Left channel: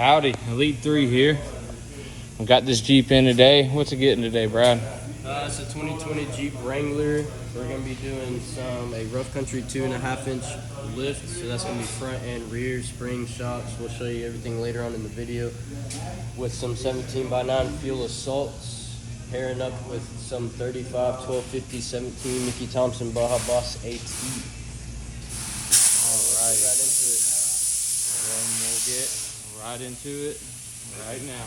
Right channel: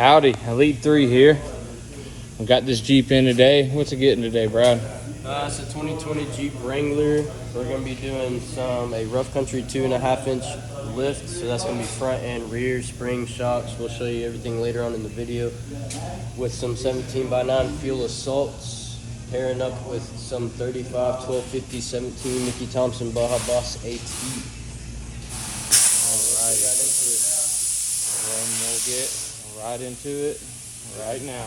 Howdy, Elite 3 here. I got this Jeep in today. What's it getting today, Brad? It's a 2020 Jeep Wrangler. We're going to be doing a rough country 2.5-inch lift. So that's going to be front and rear, spring shocks. We'll show you everything later on in the video. With some 17x9 fuel assaults, pairing up with some 35, 1250, 17 Mickey Thompson Baja Boss AT. Alright, and we'll get right into it right now.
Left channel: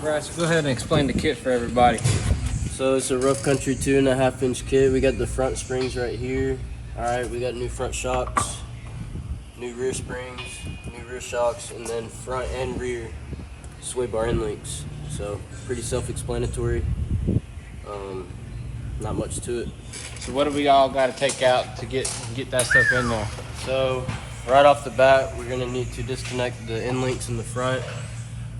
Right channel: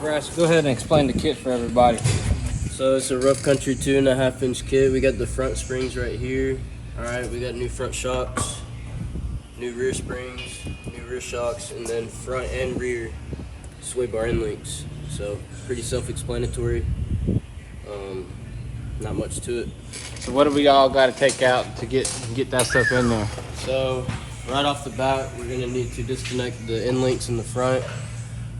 Bryce, go ahead and explain the kit for everybody. So it's a rough country 2.5-inch kit. We got the front springs right here. Alright, we got new front shocks, new rear springs, new rear shocks, and then front and rear sway bar end links. So pretty self-explanatory. Not much to it. So what do we all got to take out to get that stuff in there? So right off the bat, we're gonna need to disconnect the end links in the front.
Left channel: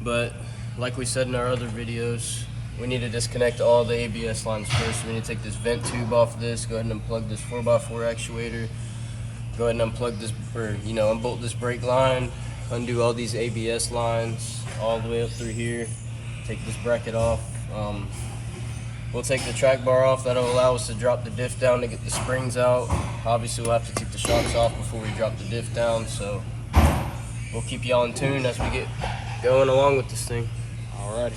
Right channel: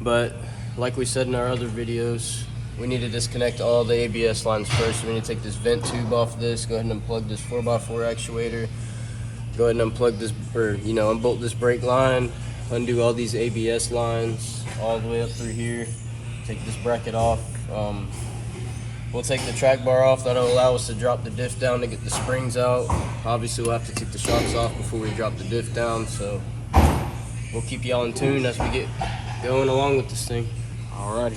But like we said in our other videos, we need to disconnect all the ABS lines first. We need to take this vent tube off this, go ahead and unplug this 4x4 actuator, go ahead and unplug this, or unbolt this brake line, undo all these ABS lines all the way up through here, take this bracket off. We'll take the track bar off. That'll allow us to drop the diff down to get the springs out. Obviously we'll have to take the shocks off before we drop the diff down, so we'll keep y'all in tune as we get going along with this thing. Alright.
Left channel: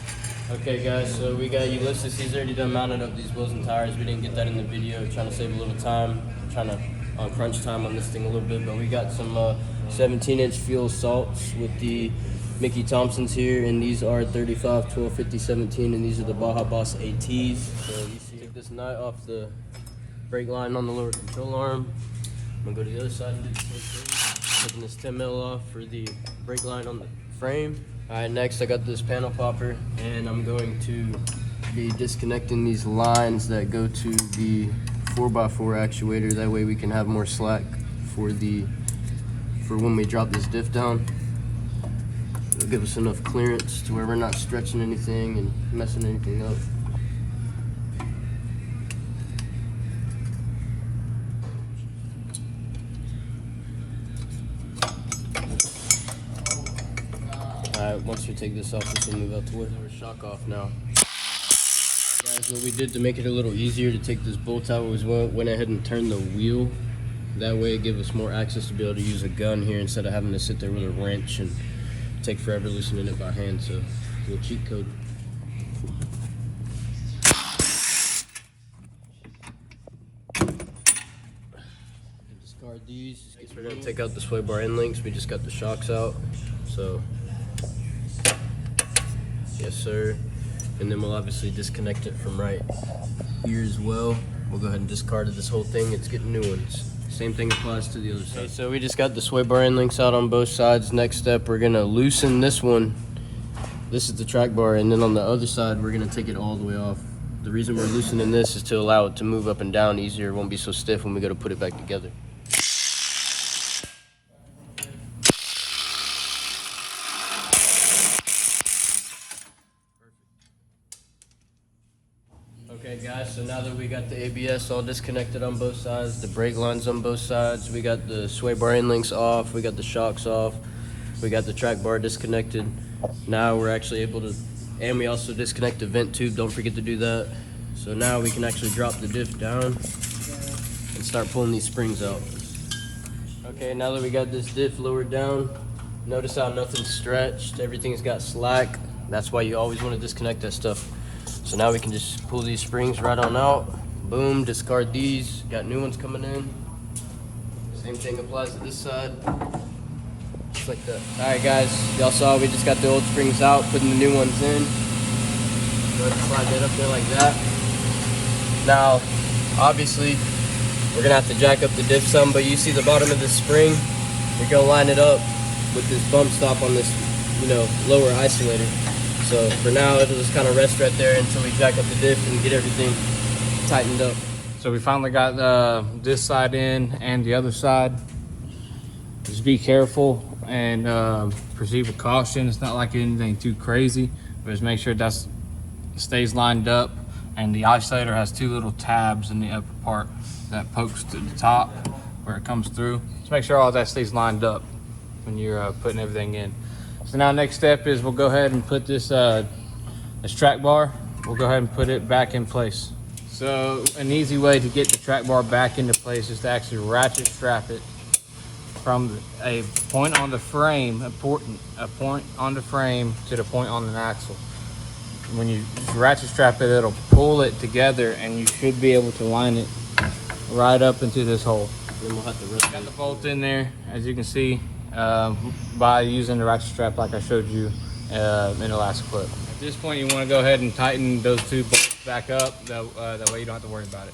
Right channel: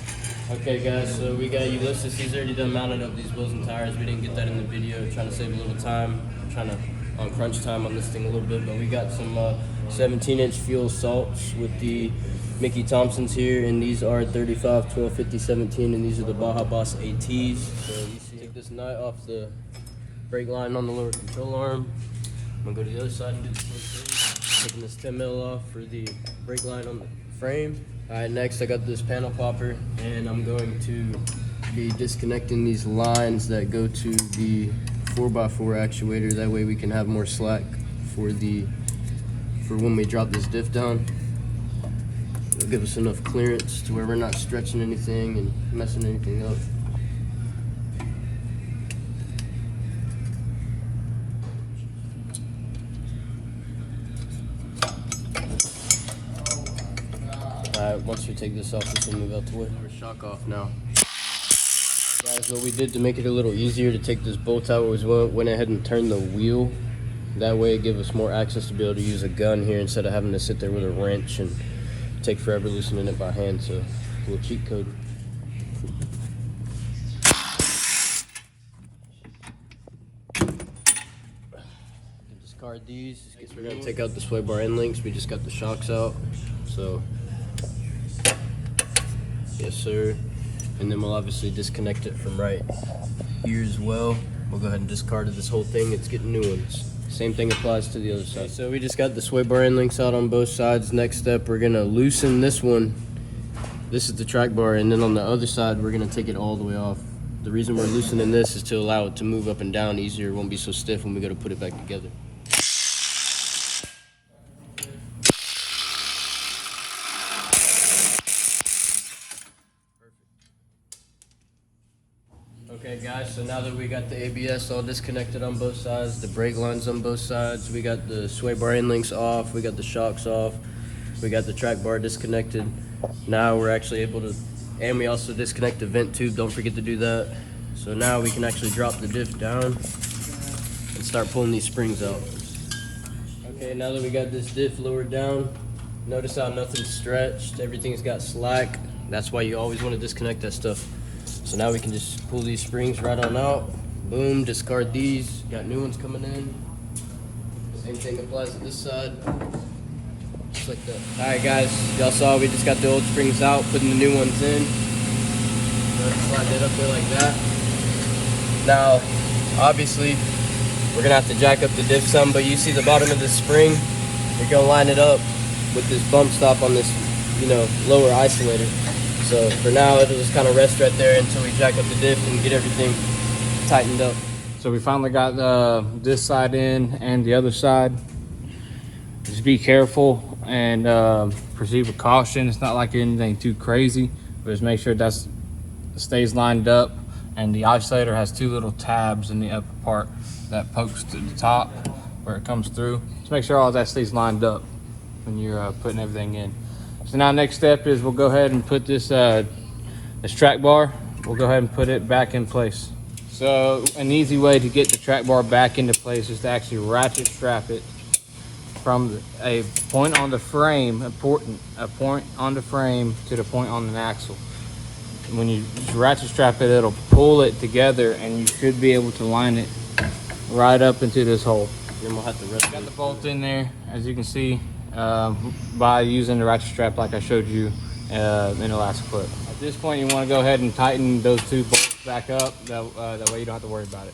Okay guys, so we got Ulysses. He's already done mounted up these wheels and tires. We didn't get that in the video, trying to save a little time, trying to crunch time on this thing a little bit, but we got some 17-inch fuel assaults with the Mickey Thompsons here, and these are 35, 12, 50, 17, and these are the Baja Boss ATs. So you see, take this nut off the brake line on the lower control arm. I'm gonna go to the other side and do the same thing. Taking this 10 mil off for the brake line on the frame. All right, next I got this panel popper, and I'm going to be disconnecting these lines that go to the 4x4 actuator. That way we can have more slack for when we drop this diff down. It'll give us enough clearance to where we're not stretching anything and messing anything up. Alright, once we take this off, this will move out the way. We're shock off now. Guys, what we did to make it a little easier to take this bolt out was we went ahead and turned the wheel. That way it gives us more access to be able to use a gun here instead of having to sit there with a wrench and take forever loosening it by hand. So a little cheat code. Discard these. We're gonna take out the sway bar end links. We just got the shocks out. So yes sir. And then we'll obviously disconnect it from right here as well. We'll go ahead and discard this whole thing. It's getting new ones. Same thing applies to the other side. Okay, so we just got the sway bar end links out on both sides. Next step, we're gonna loosen this one. This is the track bar, and then on the other side, we're gonna take it all the way off. The reason we're loosening this is to allow it to move up and down easier. It won't be so stiff when we gotta put it back together. Okay guys, so now that we got the ABS all disconnected on both sides, the brake lines on both sides, we got the sway bar end links off, we got the shocks off, we got the track bar disconnected. Now we're actually able to, and we also disconnect the vent tube, don't forget to do that. So now we can actually drop the diff down and start pulling these springs out. Okay, now that we got this diff lowered down, notice how nothing's stretched, everything's got slack. That's why you always want to disconnect that stuff. So now we can just pull these springs right on out. Boom, discard these. Got new ones coming in. Same thing applies to this side. Just like that. All right, guys, y'all saw we just got the old springs out, putting the new ones in. Go ahead and slide that up there like that. Now, obviously, we're gonna have to jack up the diff some, but you see the bottom of this spring? You're gonna line it up with this bump stop on this, lower isolator. So for now, it'll just kind of rest right there until we jack up the diff and get everything tightened up. So we finally got this side in and the other side. Just be careful and proceed with caution. It's not like anything too crazy. Just make sure that stays lined up and the isolator has two little tabs in the upper part that pokes to the top where it comes through. Just make sure all that stays lined up when you're putting everything in. So now next step is we'll go ahead and put this track bar, we'll go ahead and put it back in place. So an easy way to get the track bar back into place is to actually ratchet strap it from a point on the frame, a point on the frame to the point on the axle. When you ratchet strap it, it'll pull it together and you should be able to line it right up into this hole. Then we'll have to rip it. Bolt in there, as you can see, by using the ratchet strap like I showed you in the last clip. At this point, you want to go ahead and tighten those two bolts back up. That way you don't have to worry about it.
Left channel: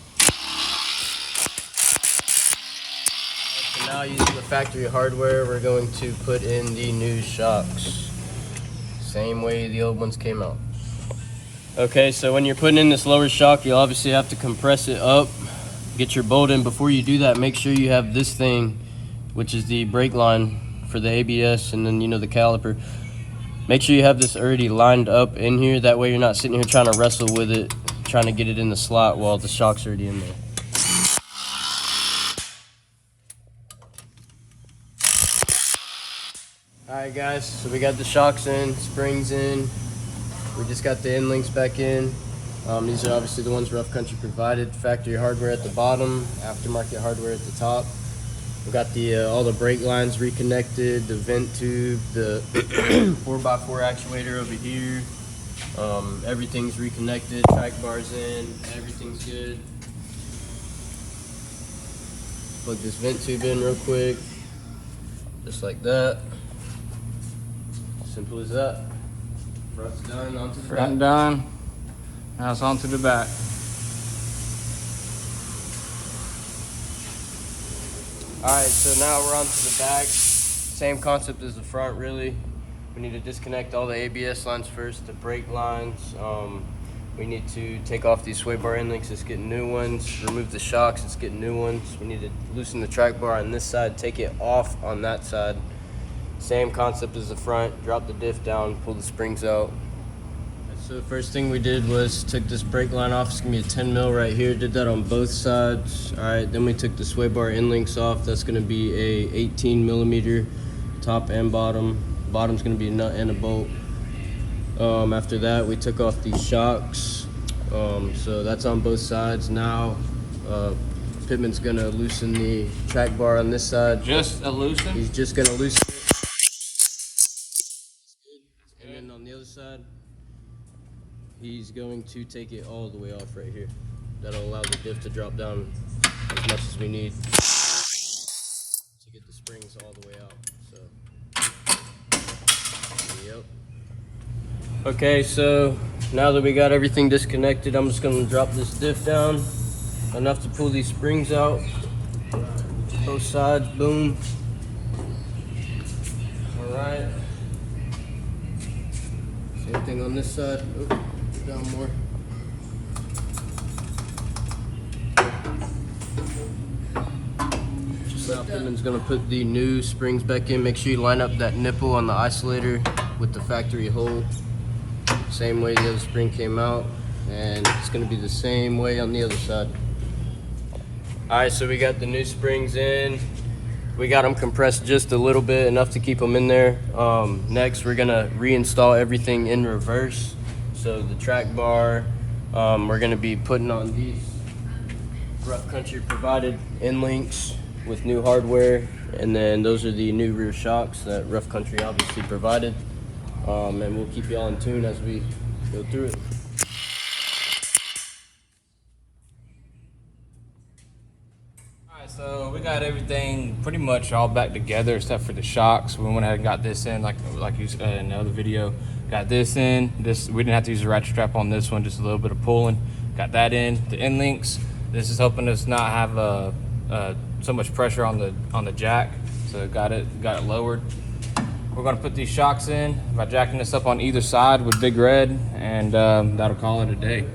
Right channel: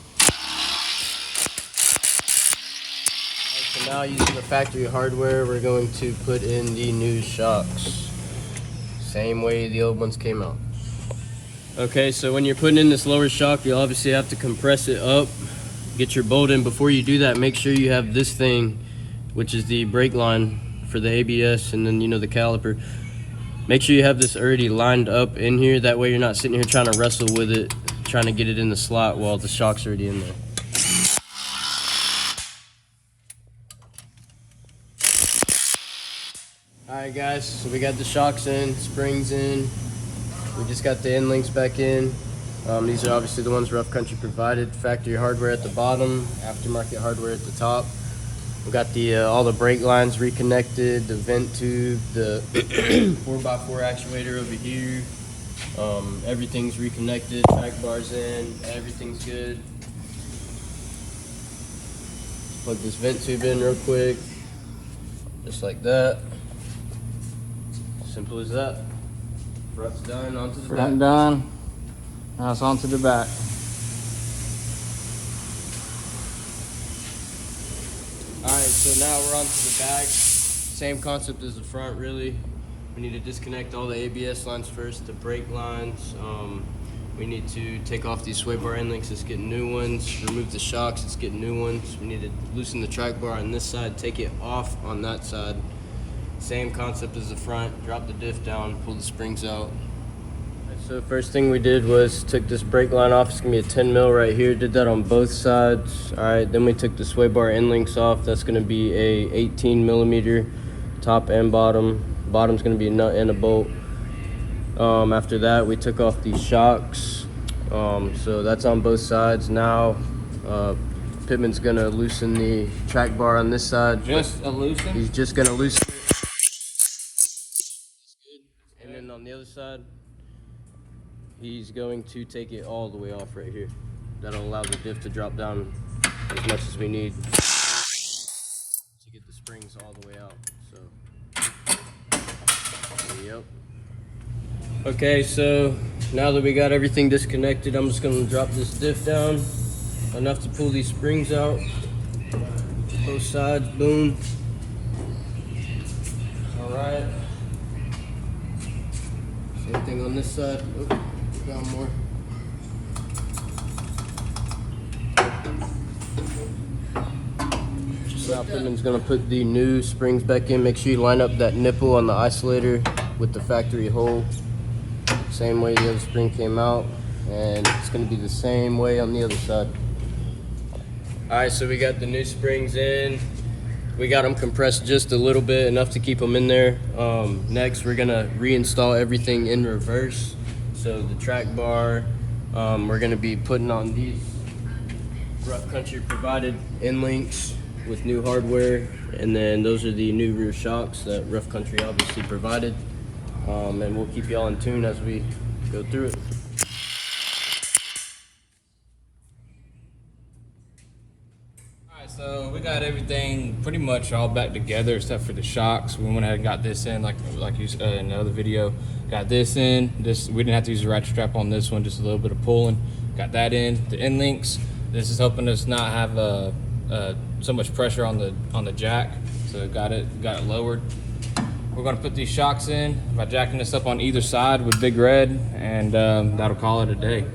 So now, using the factory hardware, we're going to put in the new shocks. Same way the old ones came out. Okay, so when you're putting in this lower shock, you obviously have to compress it up, get your bolt in. Before you do that, make sure you have this thing, which is the brake line for the ABS, and then the caliper. Make sure you have this already lined up in here. That way you're not sitting here trying to wrestle with it, trying to get it in the slot while the shock's already in there. Alright guys, so we got the shocks in, springs in. We just got the end links back in. These are obviously the ones Rough Country provided. Factory hardware at the bottom, aftermarket hardware at the top. We got the all the brake lines reconnected, the vent tube, the 4x4 actuator over here. Everything's reconnected, track bars in, everything's good. Just plug this vent tube in real quick, just like that. Simple as that. Front's done, onto the back. Front done, now it's onto the back. Alright, so now we're onto the back. Same concept as the front, really. We need to disconnect all the ABS lines first, the brake lines. We need to take off these sway bar end links, let's get new ones. Remove the shocks, let's get new ones. We need to loosen the track bar on this side, take it off on that side. Same concept as the front, drop the diff down, pull the springs out. So the first thing we did was took this brake line off. It's gonna be a 10 mil right here. Did that on both sides. All right, then we took the sway bar end links off. That's gonna be a 18 millimeter top and bottom. Bottom's gonna be a nut and a bolt. After that, we took off these shocks. So that's on both sides. Now, Pittman's gonna loosen the track bar on this side. Just a loosen? He's just gonna loosen it. And then on the other side, he's going to take it all the way off right here. That'll allow the diff to drop down as much as we need to get the springs all the way out. So, yep. Okay, so now that we got everything disconnected, I'm just gonna drop this diff down enough to pull these springs out. Both sides, boom. All right. Same thing on this side. Oh, down more. Now Pittman's gonna put the new springs back in. Make sure you line up that nipple on the isolator with the factory hole. Same way the other spring came out, and it's gonna be the same way on the other side. All right, so we got the new springs in. We got them compressed just a little bit, enough to keep them in there. Next, we're gonna reinstall everything in reverse. So the track bar, we're gonna be putting on these Rough Country provided end links with new hardware, and then those are the new rear shocks that Rough Country obviously provided. And we'll keep y'all in tune as we go through it. So we got everything pretty much all back together except for the shocks. We went ahead and got this in, like you said in the other video. Got this in. This we didn't have to use a ratchet strap on this one, just a little bit of pulling. Got that in. The end links. This is helping us not have so much pressure on the jack. So got it lowered. We're gonna put these shocks in by jacking this up on either side with Big Red, and that'll call it a day.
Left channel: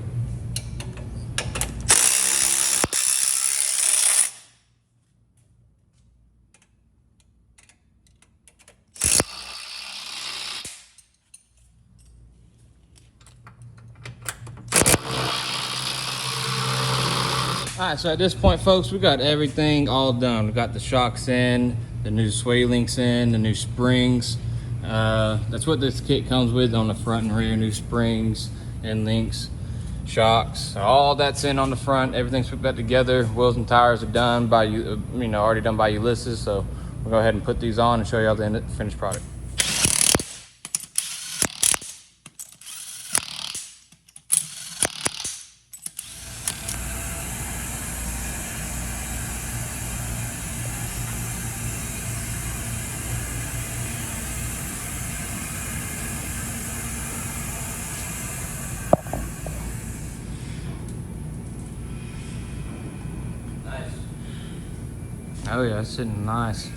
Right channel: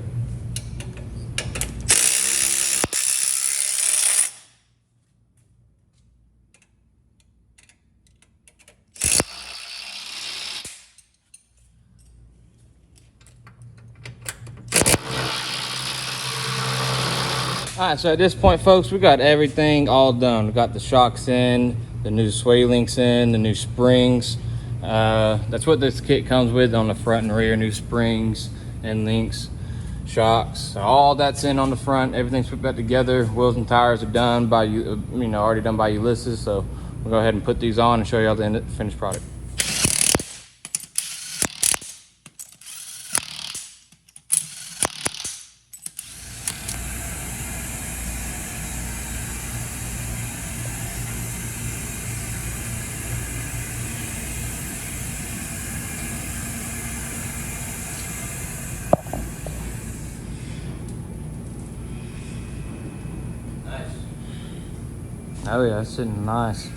All right, so at this point, folks, we got everything all done. We got the shocks in, the new sway links in, the new springs. That's what this kit comes with on the front and rear, new springs and links, shocks. So all that's in on the front. Everything's put back together. Wheels and tires are done by you, already done by Ulysses. So we'll go ahead and put these on and show y'all the finished product. Oh yeah, it's sitting nice.